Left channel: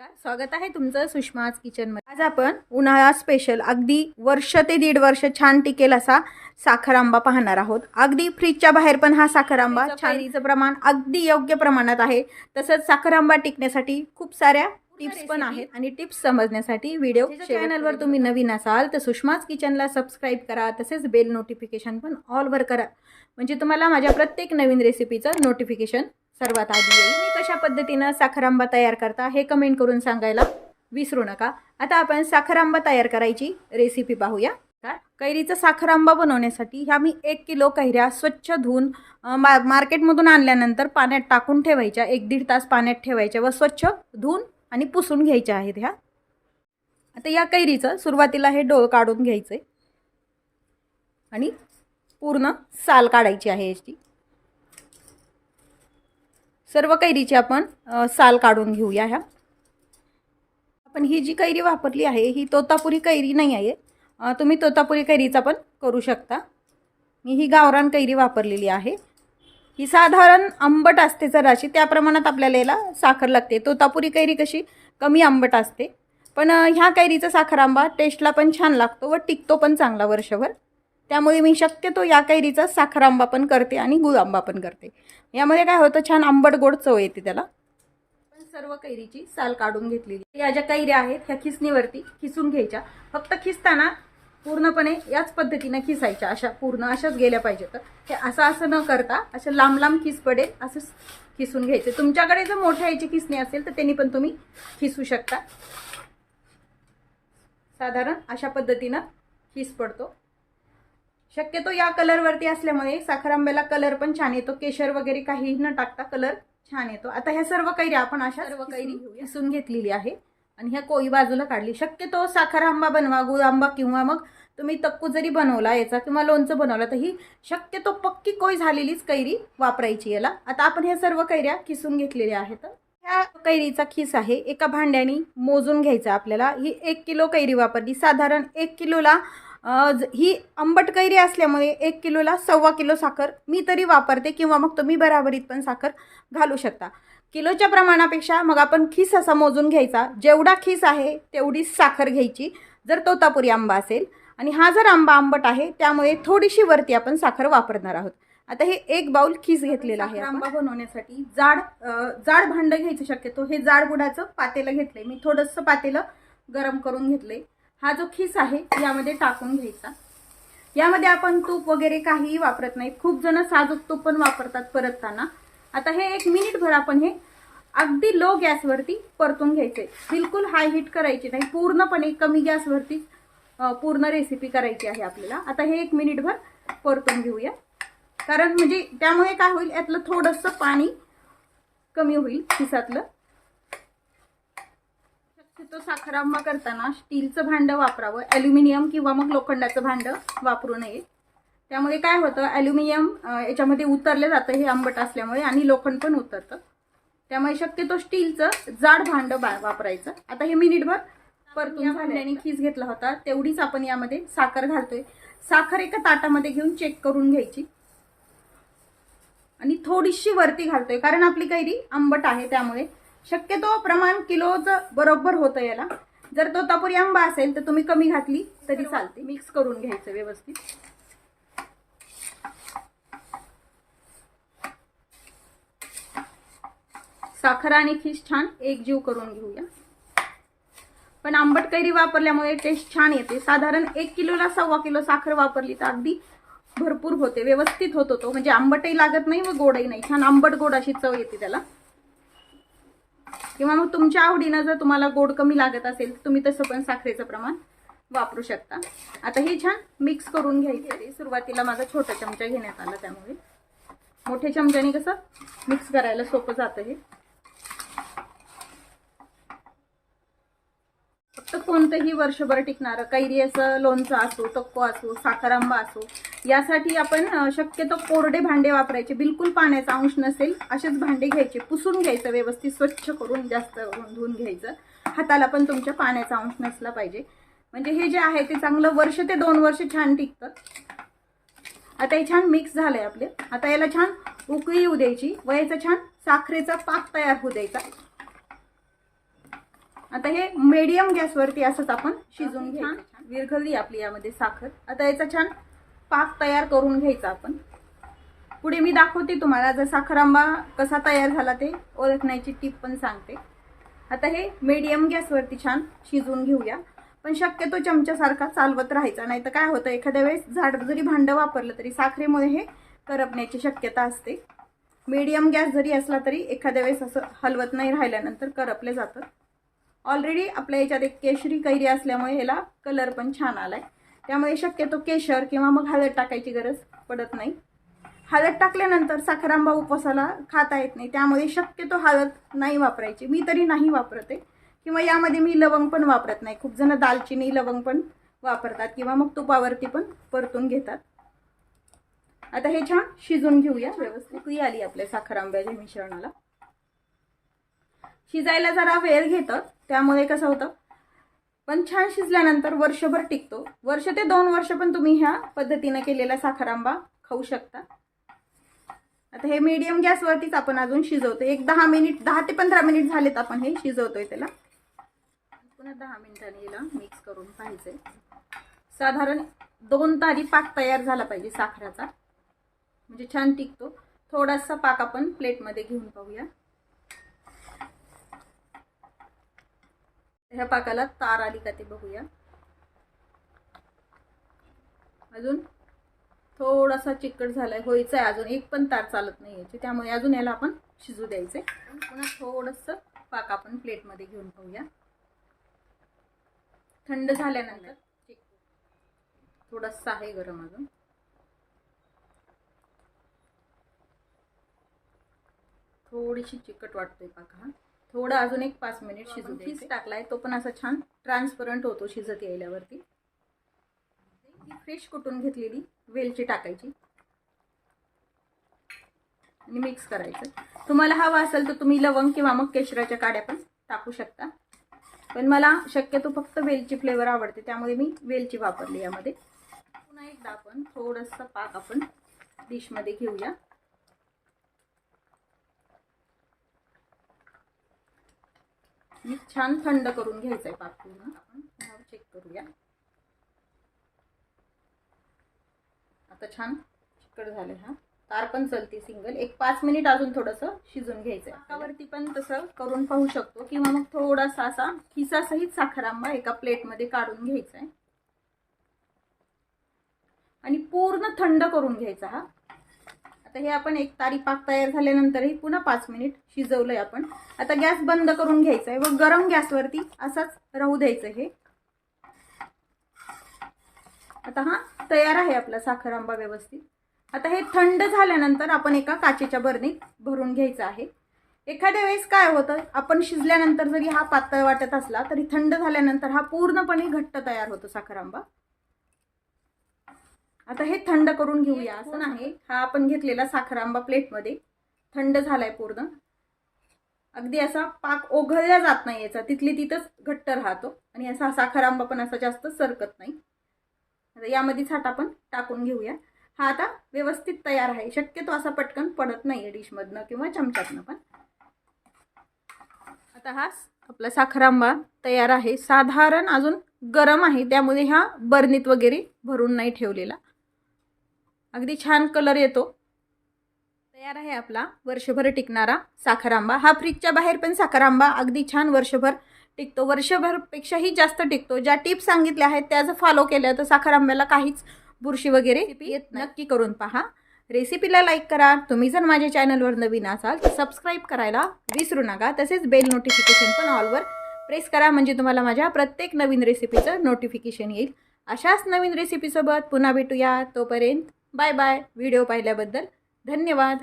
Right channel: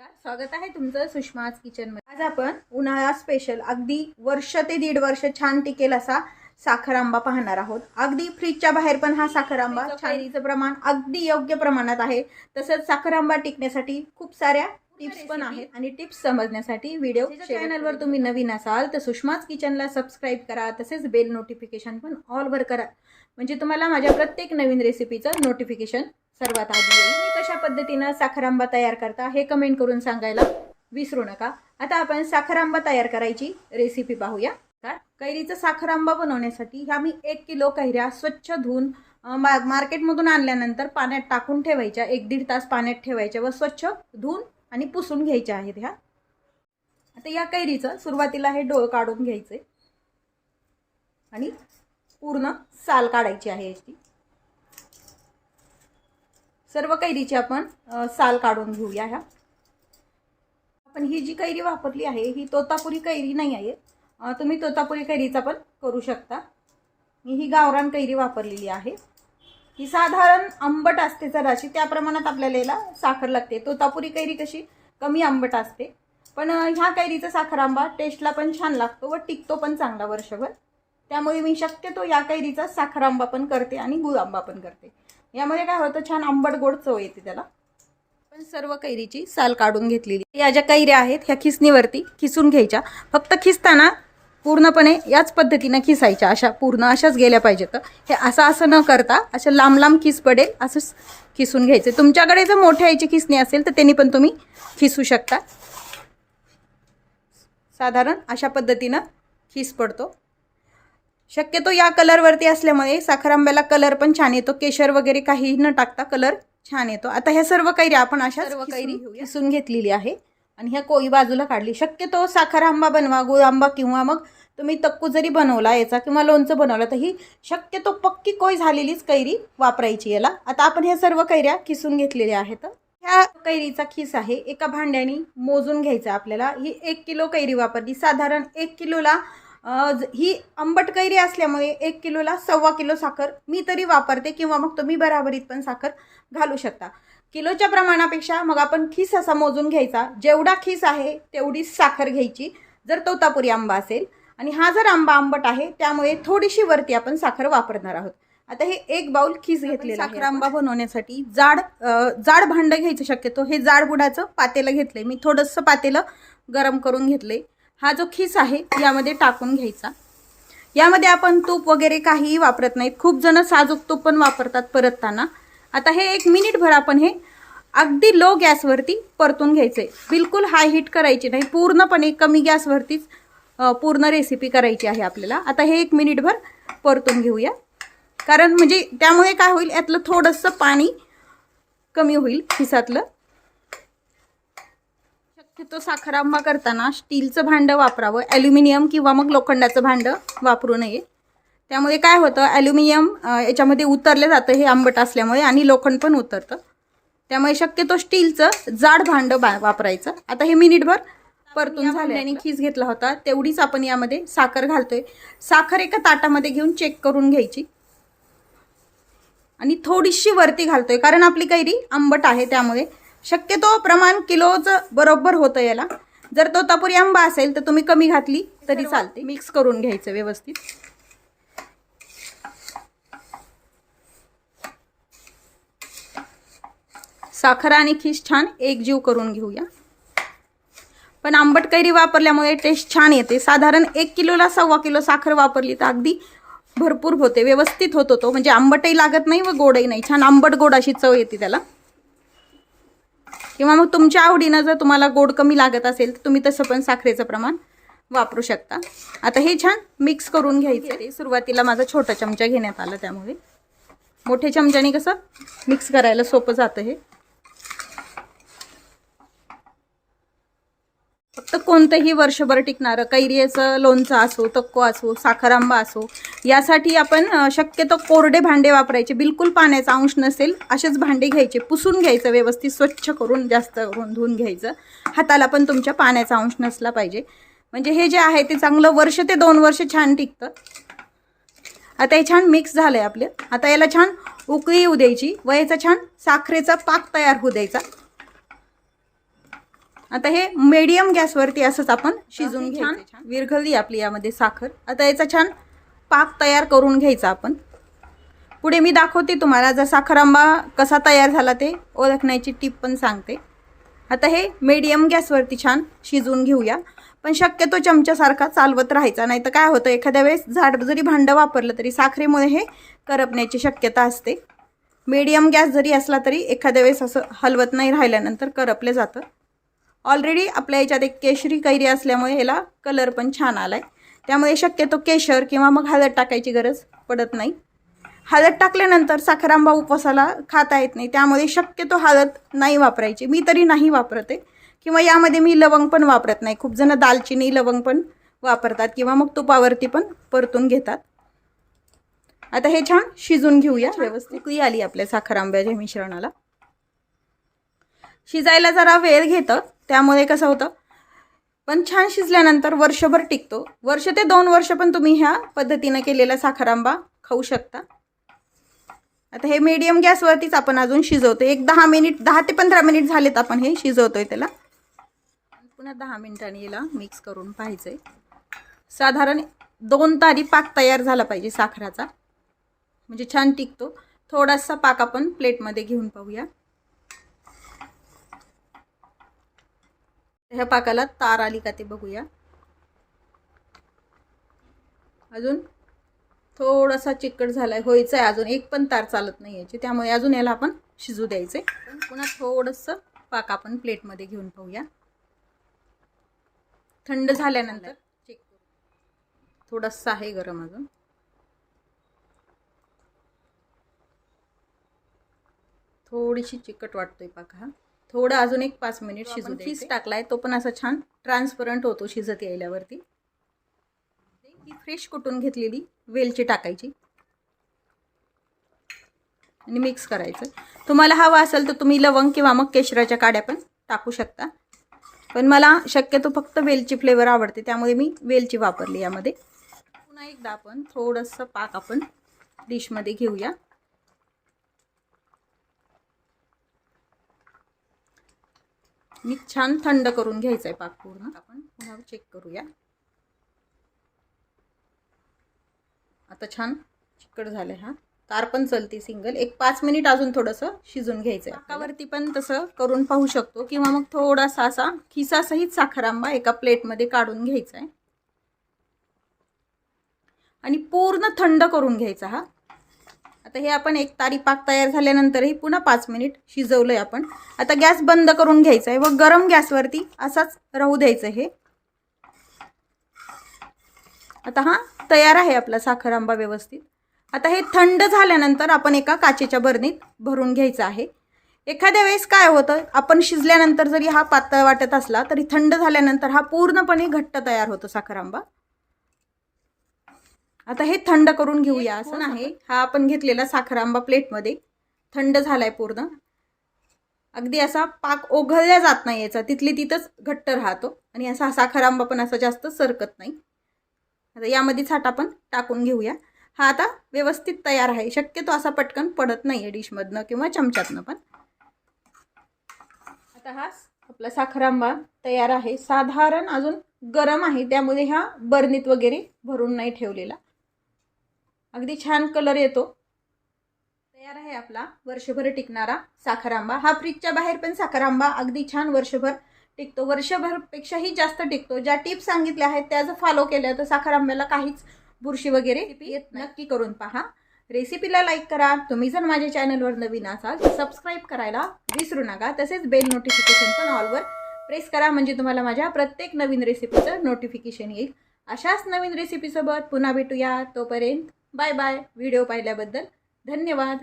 नमस्कार. स्वागत आहे तुमचं सुषमाज किचनमध्ये आज आपण उन्हाळा स्पेशल अगदी वर्ष ते दीड वर्ष छान टिकेल असा साखर आंबा पाहणार आहोत. अगदी फ्रीजच्या बाहेर पण हा साखर आंबा कैरीचं प्रमाण अगदी योग्य प्रमाणात आहे. तसंच साखर आंबा टिकण्यासाठी खूप साऱ्या टिप्स पण आहेत. आणि टिप्स समजण्यासाठी व्हिडिओ चॅनलवर तुम्ही नवीन असाल तर सुषमाज किचनला सबस्क्राईब करा. तसेच बेल नोटिफिकेशन पण ऑलवर करा. म्हणजे तुम्हाला माझ्या प्रत्येक नवीन रेसिपीचं नोटिफिकेशन सर्वात आधी येईल. तुम्ही कशा पद्धतीनं साखरांबा तयार करता हे कमेंट करून सांगायला विसरू नका. आता आपण साखर आंबा तयार करायची रेसिपी पाहूया. काय कैरीचा साखर आंबा बनवण्यासाठी ह्या मी एक किलो कैऱ्या स्वच्छ धुवून मा मार्केटमधून आणल्यानंतर पाण्यात टाकून ठेवायच्या. एक दीड तास पाण्यात ठेवायच्या व स्वच्छ धुवून आणि पुसून घ्यायच्या आहेत ह्या. आता या कैरीचं सुरुवातीला हे डोळ काढून घ्यायचं आहे आणि पूर्ण साल काढायची आहे याची. सर्व कैरीची आपण साल काढून घेऊया ह्या. आपण ही जी कैरी वापरली आहे ही तोतापुरी कैरी नाही आहे. तुम्ही तोतापुरी कैरीचा पण करू शकता. मी ही गावरान कैरी वापरलेली आहे. ही साधारण आंबट असते जराशी त्या प्रमाणात आपल्याला याला साखर लागते. तोतापुरी कैरी कशी? कमी आंबट असते. पण ह्या कैरीचा साखर आंबा टेस्टला पण छान लागतो व टिकतो पण चांगला वर्षभर. त्यामुळे मी शक्यतो या कैरीचा साखर आंबा पण करते आणि गुळ आंबा पण करते. यामध्ये काय होतं छान आंबट गोड चव येते त्याला. पण सर्व कैरीची साल काढून घेतलेली. या ज्या कैऱ्या आहेत ह्या खिसणीवरती खिसून घ्यायच्या. फक्त खिसताना पूर्णपणे याच पद्धतीनं खिसायच्या. अशा पूर्ण अशाच गेल्या पाहिजेत. हे असं असं न करता अशा लांब लांब खिस पडेल असंच खिसून घ्यायचे. तुमच्याकडे जर मोठ्या याची खिसणी असेल तर त्यांनी पण तुम्ही खिसू शकता. साधारण अशा पद्धतीनं खिस पडतो. शक्यतो या कलरवरती असल्यामुळे साखर आंब्याला कलर पण छान येतो. केशर वगैरे काही न टाकता कलर छान येतो. आता ह्या सर्व कैऱ्या आपण अशा सर्व कैरी किसून घेतलेली आहे. आणि ह्या कोळी बाजूला काढली. शक्यतो साखर आंबा बनवा गुळ आंबा किंवा मग तुम्ही तक्कू जरी बनवला याचा किंवा लोणचं बनवलं तर ही शक्यतो पक्की कोय झालेलीच कैरी वापरायची याला. आता आपण ह्या सर्व कैऱ्या किसून घेतलेल्या आहेत. ह्या कैरीचा खिस आहे. एका भांड्याने मोजून घ्यायचा आपल्याला. ही एक किलो कैरी वापरली. साधारण एक किलोला ही आंबट कैरी असल्यामुळे एक किलोला सव्वा किलो साखर मी तरी वापरते किंवा मग तुम्ही बराबरीत पण साखर घालू शकता. किलोच्या प्रमाणापेक्षा मग आपण खीस असा मोजून घ्यायचा. जेवढा खीस आहे तेवढीच साखर घ्यायची. जर तोतापुरी आंबा असेल आणि हा जर आंबा आंबट आहे त्यामुळे थोडीशी वरती आपण साखर वापरणार आहोत. आता हे एक बाउल खीस घेतलेला आहे आंबा बनवण्यासाठी जाड जाड भांडं घ्यायचं शक्यतो. हे जाड बुडाचं पातेलं घेतलंय. मी थोडंसं पातेलं गरम करून घेतलंय. हा जो खिस आहे यामध्ये टाकून घ्यायचा. यामध्ये आपण तूप वगैरे काहीही वापरत नाहीत खूप जण साजूक तूप पण वापरतात परतताना. आता हे एक मिनिटभर आपण हे अगदी लो गॅसवरती परतून घ्यायचं आहे बिलकुल हाय हीट करायची नाही. पूर्णपणे कमी गॅसवरतीच पूर्ण रेसिपी करायची आहे आपल्याला. आता हे एक मिनिटभर परतून घेऊया. कारण म्हणजे त्यामुळे काय होईल यातलं थोडंसं पाणी कमी होईल खिसातलं. शक्यतो साखर आंबा करताना स्टीलचं भांडं वापरावं ॲल्युमिनियम किंवा मग लोखंडाचं भांडं वापरू नये. त्यामुळे काय होतं ॲल्युमिनियम याच्यामध्ये उतरलं जातं हे आंबट असल्यामुळे आणि लोखंड पण उतरतं. त्यामुळे शक्यतो स्टीलचं जाड भांडं बा वापरायचं. आता हे मिनिटभर परतून झाल्याने खीस घेतला होता तेवढीच आपण यामध्ये साखर घालतोय. साखर एका ताटामध्ये घेऊन चेक करून घ्यायची. आणि थोडीशी वरती घालतोय कारण आपली कैरी आंबट आहे त्यामुळे. शक्यतो प्रमाण किलोचं बरोबर होतं याला. जर तो तापुरी आंबा असेल तर तुम्ही कमी घातली तरी चालते. मिक्स करून घ्यायचं व्यवस्थित. साखर आणि खीस छान एकजीव करून घेऊया. पण आंबट कैरी वापरल्यामुळे टेस्ट छान येते. साधारण एक किलोला सव्वा किलो साखर वापरली तर अगदी भरपूर होते. व्यवस्थित होत होतो म्हणजे आंबटही लागत नाही व गोडही नाही. छान आंबट गोड अशी चव येते त्याला. किंवा मग तुमच्या आवडीनं जर तुम्हाला गोड कमी लागत असेल तर तुम्ही तसं पण साखरेचं प्रमाण वापरू शकता. आता हे छान मिक्स करून घ्यायचं. आहे सुरुवातीला माझा छोटा चमचा घेण्यात आला त्यामुळे. मोठ्या चमच्याने कसं मिक्स करायला सोपं जातं हे फक्त कोणतंही वर्षभर टिकणारं कैरीचं लोणचं असो तक्को असो साखरांबा असो यासाठी आपण शक्यतो कोरडे भांडे वापरायचे. बिलकुल पाण्याचा अंश नसेल असेच भांडे घ्यायचे. पुसून घ्यायचं व्यवस्थित स्वच्छ करून जास्त करून धुवून घ्यायचं. हाताला पण तुमच्या पाण्याचा अंश नसला पाहिजे. म्हणजे हे जे आहे ते चांगलं वर्ष ते दोन वर्ष छान टिकतं. आता हे छान मिक्स झालं आहे आपलं. आता याला छान उकळी येऊ द्यायची. व याचा छान साखरेचा पाक तयार होऊ द्यायचा. आता हे मीडियम गॅसवरती असंच आपण शिजून घ्यायचं विरघळली आपली यामध्ये साखर. आता याचा छान पाक तयार करून घ्यायचा आपण. पुढे मी दाखवते तुम्हाला जर साखर आंबा कसा तयार झाला ते ओळखण्याची टीप पण सांगते. आता हे मीडियम गॅसवरती छान शिजवून घेऊया. पण शक्यतो चमच्यासारखा चालवत राहायचा नाही तर काय होतं एखाद्या वेळेस झाड जरी भांडं वापरलं तरी साखरेमुळे हे करपण्याची शक्यता असते. मीडियम गॅस जरी असला तरी एखाद्या वेळेस असं हलवत नाही राहिल्यानंतर करपले जातं. ऑलरेडी आपल्या याच्यात एक केशरी कैरी असल्यामुळे ह्याला कलर पण छान आला आहे त्यामुळे शक्यतो केशर किंवा मग हळद टाकायची गरज पडत नाही. हळद टाकल्यानंतर साखरांबा उपवासाला खाता येत नाही. त्यामुळे शक्यतो हळद नाही वापरायची. मी तरी नाही वापरते. किंवा यामध्ये मी लवंग पण वापरत नाही. खूप जण दालचिनी लवंग पण वापरतात किंवा मग तुपावरती पण परतून घेतात. आता हे छान शिजून घेऊया. व्यवस्थित उकळी आली आपल्या साखरांब्याच्या मिश्रणाला. शिजायला जरा वेळ घेतं. त्यामुळे कसं होतं? पण छान शिजल्यानंतर वर्षभर टिकतो. वर्ष ते दोन वर्ष पण तुम्ही ह्या पद्धतीनं केलेला साखर आंबा खाऊ शकता. आता हे मीडियम गॅसवरतीच आपण अजून शिजवतो. एक दहा मिनिट दहा ते पंधरा मिनिट झालेत आपण हे शिजवतोय त्याला. पुन्हा दहा मिनिटांनी याला मिक्स करून पाहिजे साधारण दोन तारी पाक तयार झाला पाहिजे साखराचा. म्हणजे छान टिकतो. थोडासा पाक आपण प्लेटमध्ये घेऊन पाहूया. ह्या पाकाला तार आली का ते बघूया. अजून थोडासा चिकट झालाय व्हायचं आहे अजून. एक पण तार चालत नाही याची. त्यामुळे अजून याला आपण शिजू द्यायचंय. पुन्हा थोडंसं पाक आपण प्लेटमध्ये घेऊन पाहूया. थंड झाल्यानंतर चिक थोडंसं आहे गरम अजून. थोडीशी चिकट वाटतोय पाक हा. थोडं अजून एक पाच मिनिट शिजू फीस टाकलाय तो पण असा छान ट्रान्सपरंट होतो शिजत यायल्यावरती. ही फ्रेश कुटून घेतलेली? वेलची टाकायची. आणि मिक्स करायचं. तुम्हाला हवा असेल तर तुम्ही लवंग किंवा मग केशराच्या काड्या पण टाकू शकता. पण मला शक्यतो फक्त वेलची फ्लेवर आवडते त्यामुळे मी वेलची वापरली यामध्ये. पुन्हा एकदा आपण थोडंसं पाक आपण डिशमध्ये घेऊया. मी छान थंड करून घ्यायचं आहे पाक पूर्ण. आपण पुन्हा चेक करूया. आता छान चिकट झालं हा. तार पण चलती सिंगल एक पाच मिनिट अजून थोडंसं शिजून घ्यायचं आहे पाकावरती पण तसं करून पाहू शकतो. किंवा मग थोडासा असा खिसासहित साखर आंबा एका प्लेटमध्ये काढून घ्यायचा आहे आणि पूर्ण थंड करून घ्यायचा हा. आता हे आपण एक तारी पाक तयार झाल्यानंतरही पुन्हा पाच मिनिट शिजवलं आहे आपण. आता गॅस बंद करून घ्यायचा आहे व गरम गॅसवरती असाच राहू द्यायचं हे. आता हा तयार आहे आपला साखर आंबा व्यवस्थित. आता हे थंड झाल्यानंतर आपण एका काचेच्या बरणीत भरून घ्यायचं आहे. एखाद्या वेळेस काय होतं आपण शिजल्यानंतर जरी हा पातळ वाटत असला तरी थंड झाल्यानंतर हा पूर्णपणे घट्ट तयार होतो साखर आंबा. आता हे थंड करून घेऊया. असं नाही. हा आपण घेतलेला साखर आंबा प्लेटमध्ये. थंड झालाय पूर्ण. अगदी असा पाक ओघळल्या जात नाही याचा. तिथली तिथंच घट्ट राहतो. आणि असा साखर आंबा पण असा जास्त सरकत नाही. आता यामध्येच हाट आपण टाकून घेऊया. हा आता व्यवस्थित तयार आहे. शक्यतो असा पटकन पडत नाही आहे डिशमधनं किंवा चमच्यातनं पण. आता हा आपला साखर आंबा तयार आहे. साधारण अजून गरम आहे. त्यामुळे हा बर्नीत वगैरे भरून नाही ठेवलेला. अगदी छान कलर येतो. तयार आहे आपला वर्षभर टिकणारा साखर आंबा हा फ्रीजच्या बाहेर पण साखर आंबा अगदी छान वर्षभर टिकतो. वर्षभरपेक्षाही जास्त टिकतो. ज्या टिप्स सांगितल्या आहेत त्या जर फॉलो केल्या तर साखर आंब्याला काहीच बुरशी वगैरे येत नक्की करून पहा. रेसिपीला लाईक करा. तुम्ही जर माझ्या चॅनलवर नवीन असाल तर सबस्क्राईब करायला विसरू नका. तसेच बेल नोटिफिकेशन पण ऑलवर प्रेस करा. म्हणजे तुम्हाला माझ्या प्रत्येक नवीन रेसिपीचं नोटिफिकेशन येईल. अशाच नवीन रेसिपीसोबत पुन्हा भेटूया. तोपर्यंत बाय बाय. व्हिडिओ पाहिल्याबद्दल धन्यवाद.